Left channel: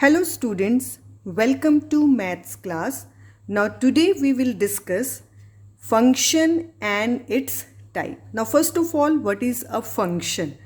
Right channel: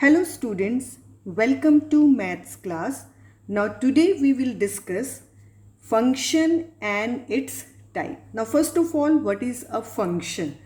Hello students, welcome to maths class. Now today we will discuss function and its type. Now first of all, what is a function?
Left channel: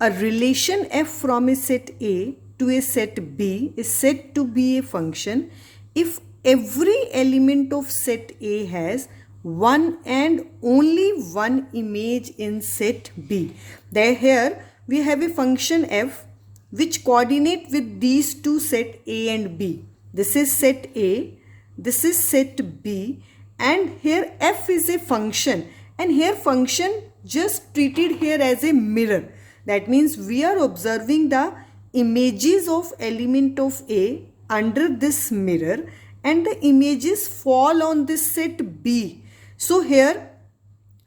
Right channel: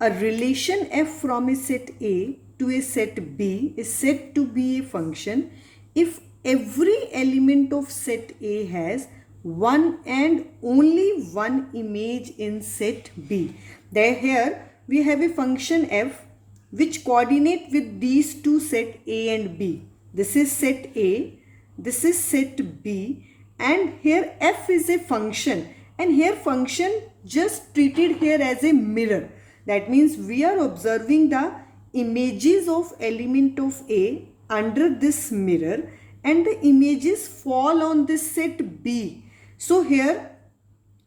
A relation f from a set A to a set B is said to be a function if every element of set A has one and only one image in set B. There here we have a function f which coordinate with these two set A and B. This is set A, this is set B, and here f is a function, and here function just treated here as a mirror. That means we are observing the images of element of A under this mirror and the images fall on this set B. So here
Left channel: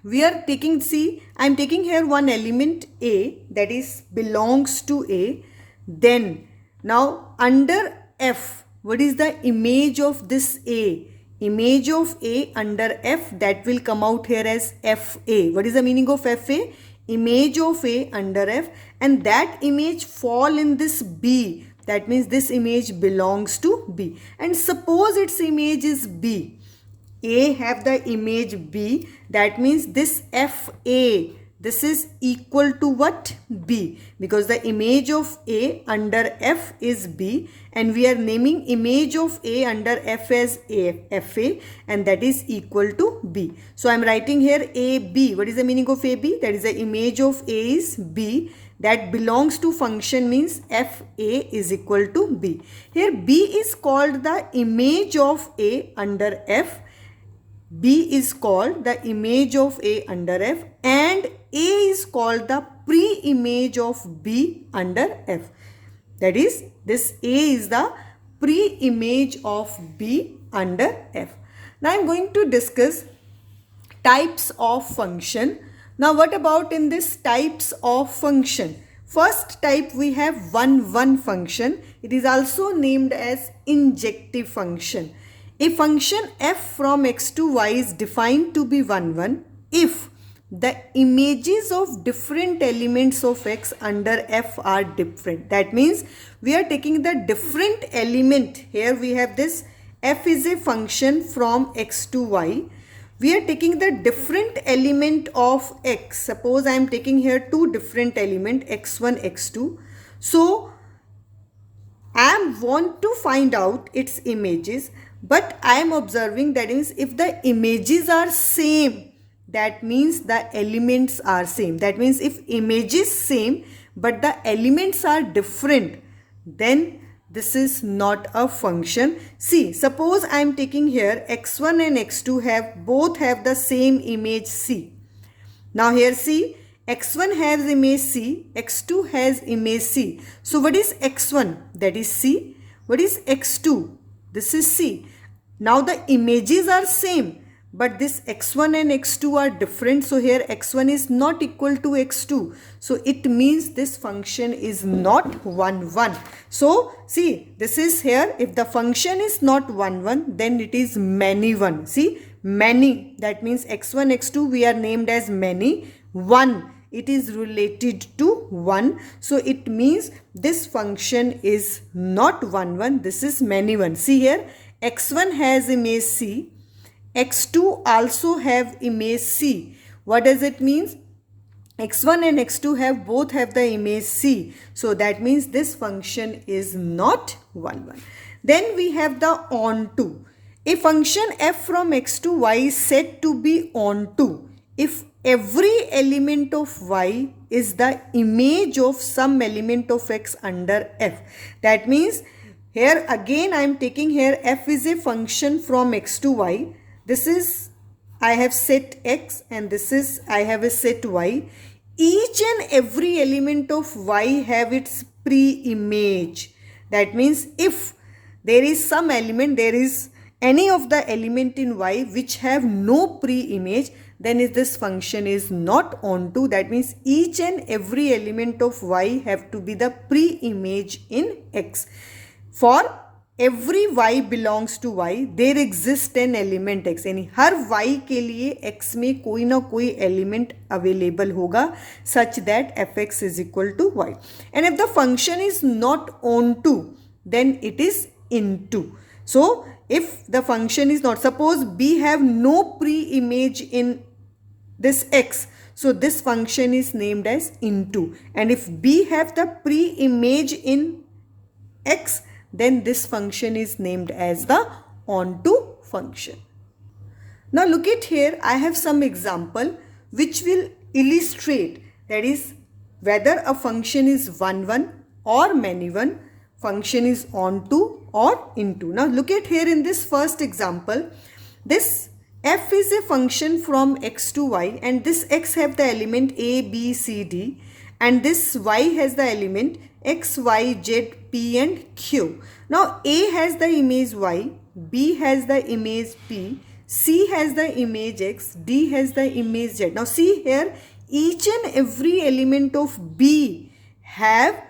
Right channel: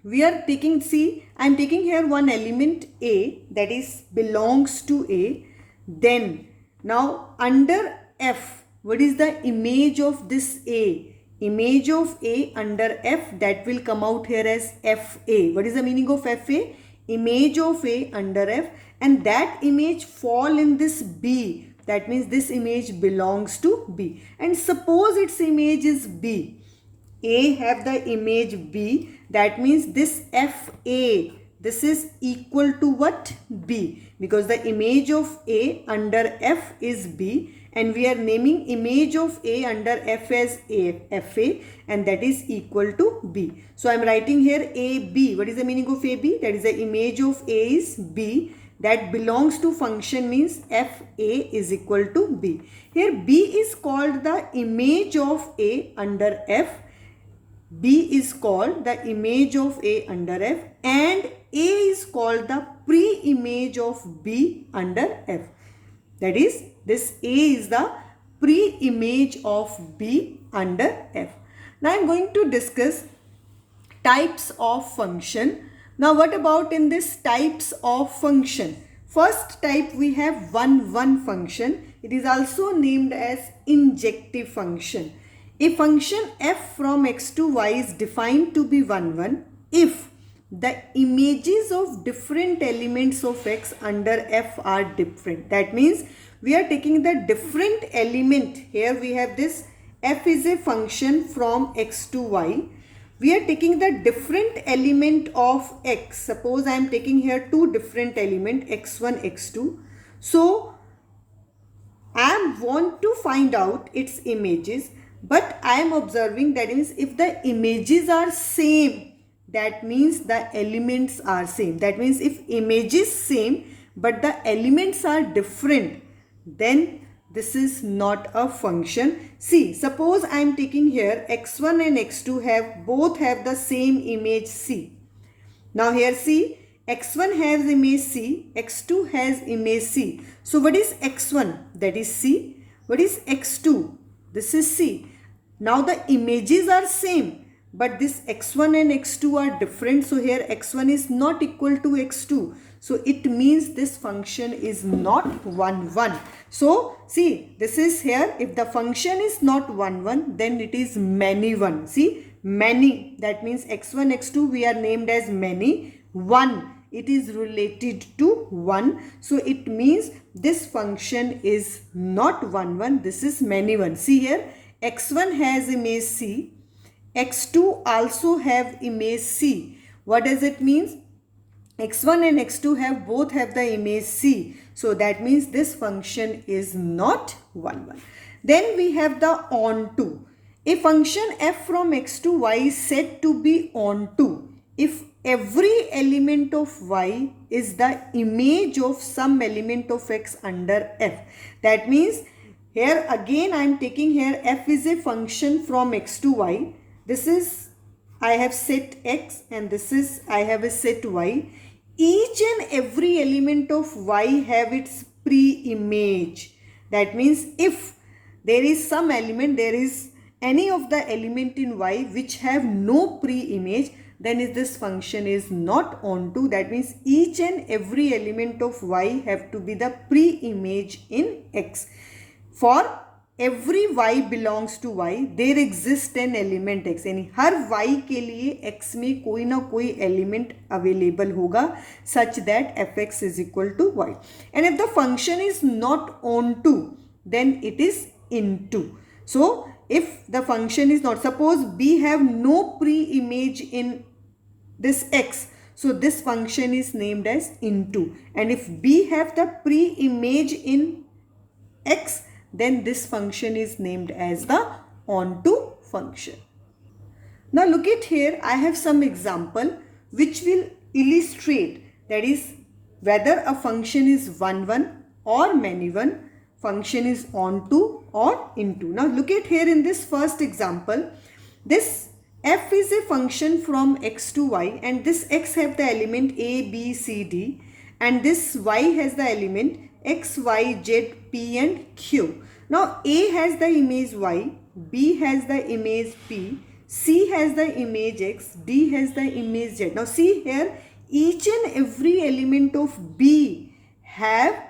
we are taking, see, I am taking here one element A that is belongs to A. Then now under F, what is the image of this A? Image of A under F, that will come out here as FA. What is the meaning of FA? Image of A under F, and that image fall in this B. That means this image belongs to B. And suppose its image is B. A have the image B. That means this FA, this is equal to what? B, because the image of A under F is B, and we are naming image of A under F as FA, and that is equal to B. So I am writing here AB. What is the meaning of AB? That is the image of A is B, that belongs to function, means FA is equal to B. Here B is called the image of A under F. B is called the image of A under F, and A is called the pre-image of B under F. That is, this A is the pre-image of B under F. Now I am going to discuss types of function. Now what about in this types of function? First type we have one function. It is also named as injective function. A function f from x to y is defined to be 1 if the images of different elements of x under f are different. That means we are taking the different element. Here we have this f is a function from x to y. We are taking the different element of x. Suppose I am taking here two different element x1, x2. So I want to find out its images. But I am observing, that means if the images are same, that means the elements are same. That means if image is same but the elements are different, then this is not a function. See, suppose I am taking here x1 and x2 both have the same image C. Now here see, x1 has image C, x2 has image C. So what is x1? That is C. What is x2? This is C. Now the images are same, but this x1 and x2 are different. So here x1 is not equal to x2. So it means this function is not 1. So see, this is here, if the function is not 1, then it is many 1. See, many, that means x1, x2 we are named as many. 1, it is related to 1. So it means this function is not 1. This is many 1. See here, x1 has image C, x2 also have image C. What does it mean? x1 and x2 both have the image C. So that means this function is not 1. Then we have the onto. A function f from x to y is said to be onto if every element of y is the image of some element of x under f. That means here again I am taking here f is a function from x to y. This is, I have set x, and this is, I have a set y. Each and every element of y have its pre-image. That means if there is some element, there is any of the element in y which have no pre-image, then this function is not onto. That means each and every element of y have to be the pre-image in x. For every y belongs to y, there exists an element x. यानी हर y के लिए x में कोई ना कोई element available होगा such that fx is equal to y. And if the function is not onto, then it is into. So if the function is not, suppose B have no pre-image in this x, so this function is named as into, and if B have the pre-image in x, then this function is named as the onto function. Now look at here, I have some example which will illustrate, that is whether a function is one or many one, function is onto or into. Now look at here in this first example, this f is a function from x to y, and this x have the element a, b, c, d, and this y has the element x, y, z, p and q. Now a has the image y, b has the image p, c has the image x, d has the image z. Now see here, each and every element of b have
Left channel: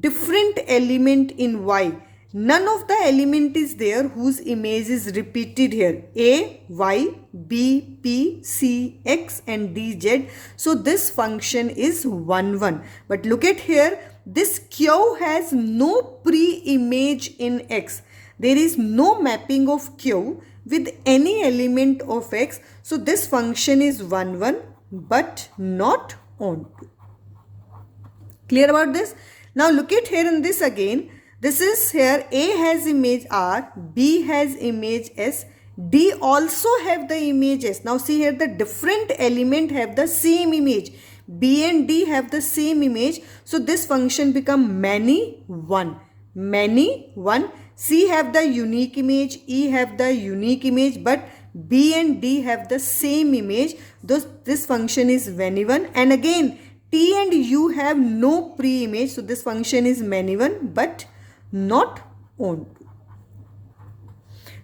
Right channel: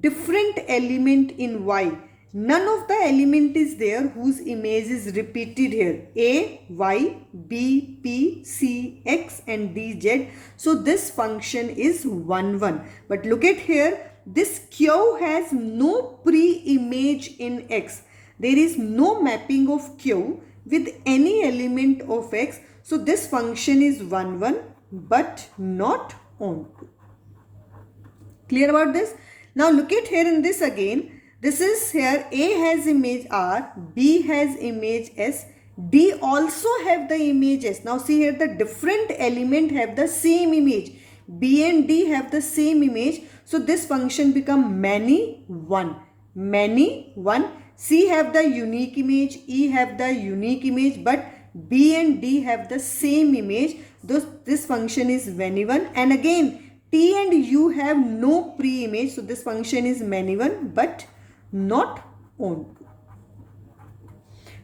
different element in y. None of the element is there whose image is repeated here. A, y, b, p, c, x and d, z. So this function is 1. But look at here, this q has no pre-image in x. There is no mapping of q with any element of x. So this function is 1 but not onto. Clear about this? Now look at here in this again. This is here, A has image R, B has image S, D also have the image S. Now see here, the different element have the same image. B and D have the same image. So this function become many one. Many one. C have the unique image, E have the unique image, but B and D have the same image. Thus this function is many one. And again, T and U have no pre-image. So this function is many one but not onto.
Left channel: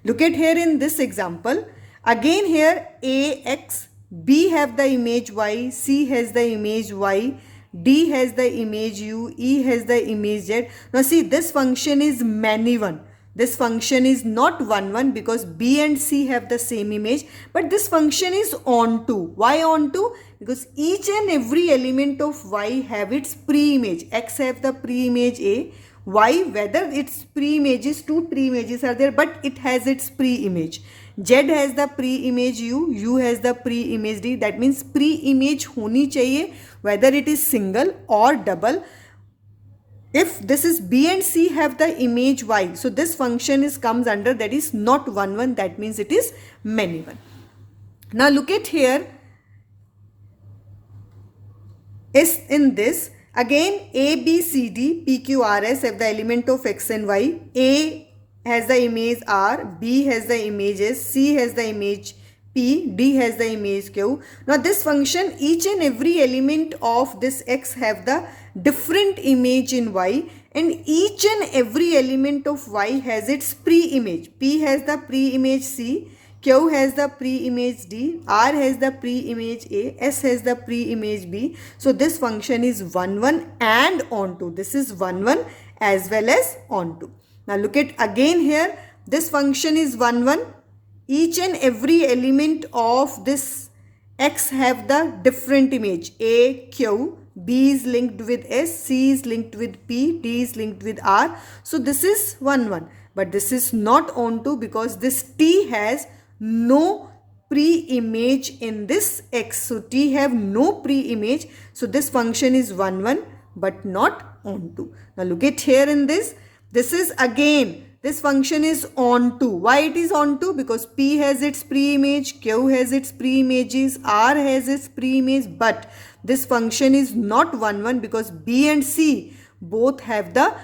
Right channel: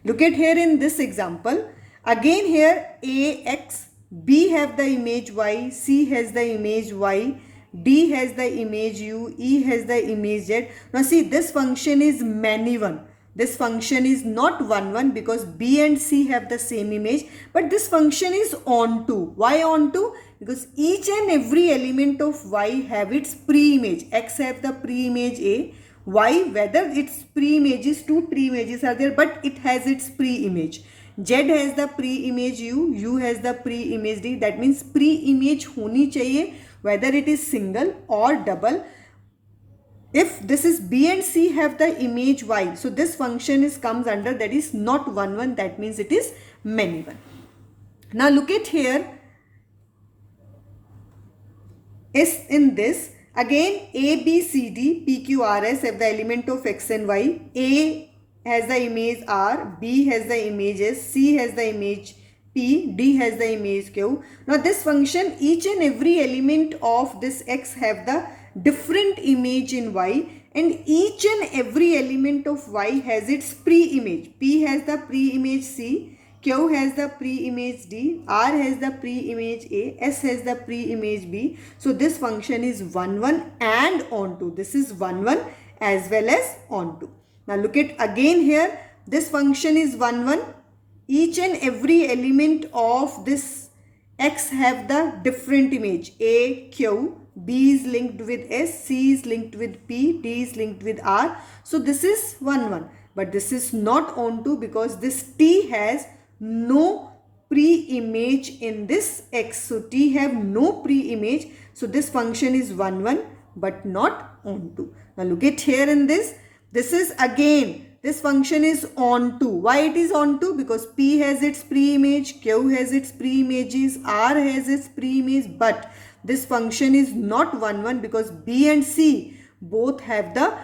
Look at here in this example. Again here A, X, B have the image Y, C has the image Y, D has the image U, E has the image Z. Now see, this function is many one. This function is not 1 because B and C have the same image, but this function is onto. Why onto? Because each and every element of Y have its pre-image. X have the pre-image A, Y, whether its pre-images, two pre-images are there, but it has its pre-image. Z has the pre-image U, U has the pre-image D. That means pre-image honi chahiye, whether it is single or double. If this is B and C have the image Y, so this function is comes under, that is not 1, that means it is many one. Now look at here, is in this. Again, A, B, C, D, P, Q, R, S have the element of X and Y. A has the image R, B has the image S, C has the image P, D has the image Q. Now this function, each and every element of this X have the different image in Y, and each and every element of Y has its pre-image. P has the pre-image C, Q has the pre-image D, R has the pre-image A, S has the pre-image B. So this function is 1 and onto. This is 1 as well as onto. Now look at again here, this function is 1. Each and every element of this X have the different image. A, Q, B is linked with S, C is linked with P, D is linked with R. So this is 1. But this is not onto because this T has no pre-image in this X. So T have no pre-image. So this function is 1 but not onto. Now look at here in this. This is again, this function is onto. Why it is onto? Because P has its pre-image, Q has its pre-images, R has its pre-image, but this function is not 1 because B and C both have the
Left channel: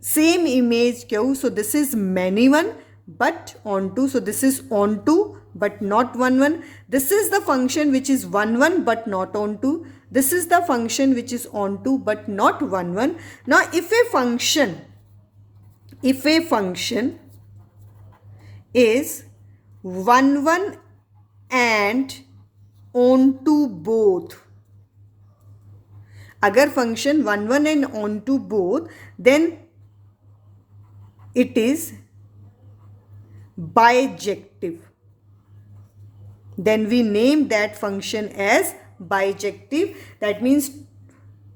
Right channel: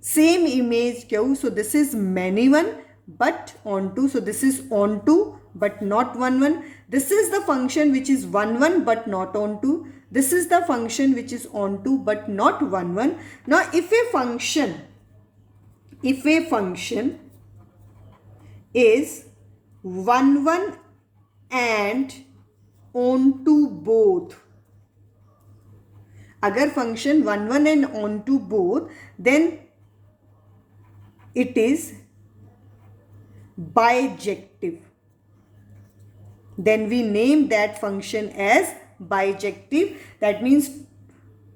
same image Q. So this is many one but onto. So this is onto but not 1. This is the function which is 1 but not onto. This is the function which is onto but not 1. Now if a function is 1 and onto both, agar function 1 and onto both, then it is bijective. Then we name that function as bijective. That means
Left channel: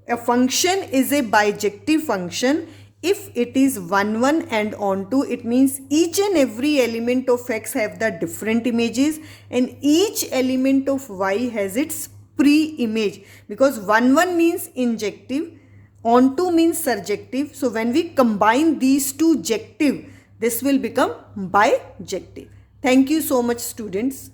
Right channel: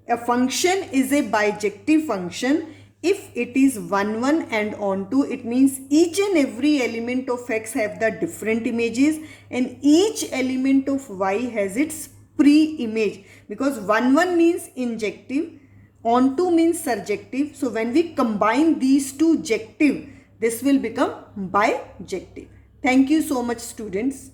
a function is a bijective function if it is 1 1 and onto, it means each and every element of x have the different images and each element of y has its pre-image, because 1 1 means injective, onto means surjective. So when we combine these two jective, this will become bijective. Thank you so much, students.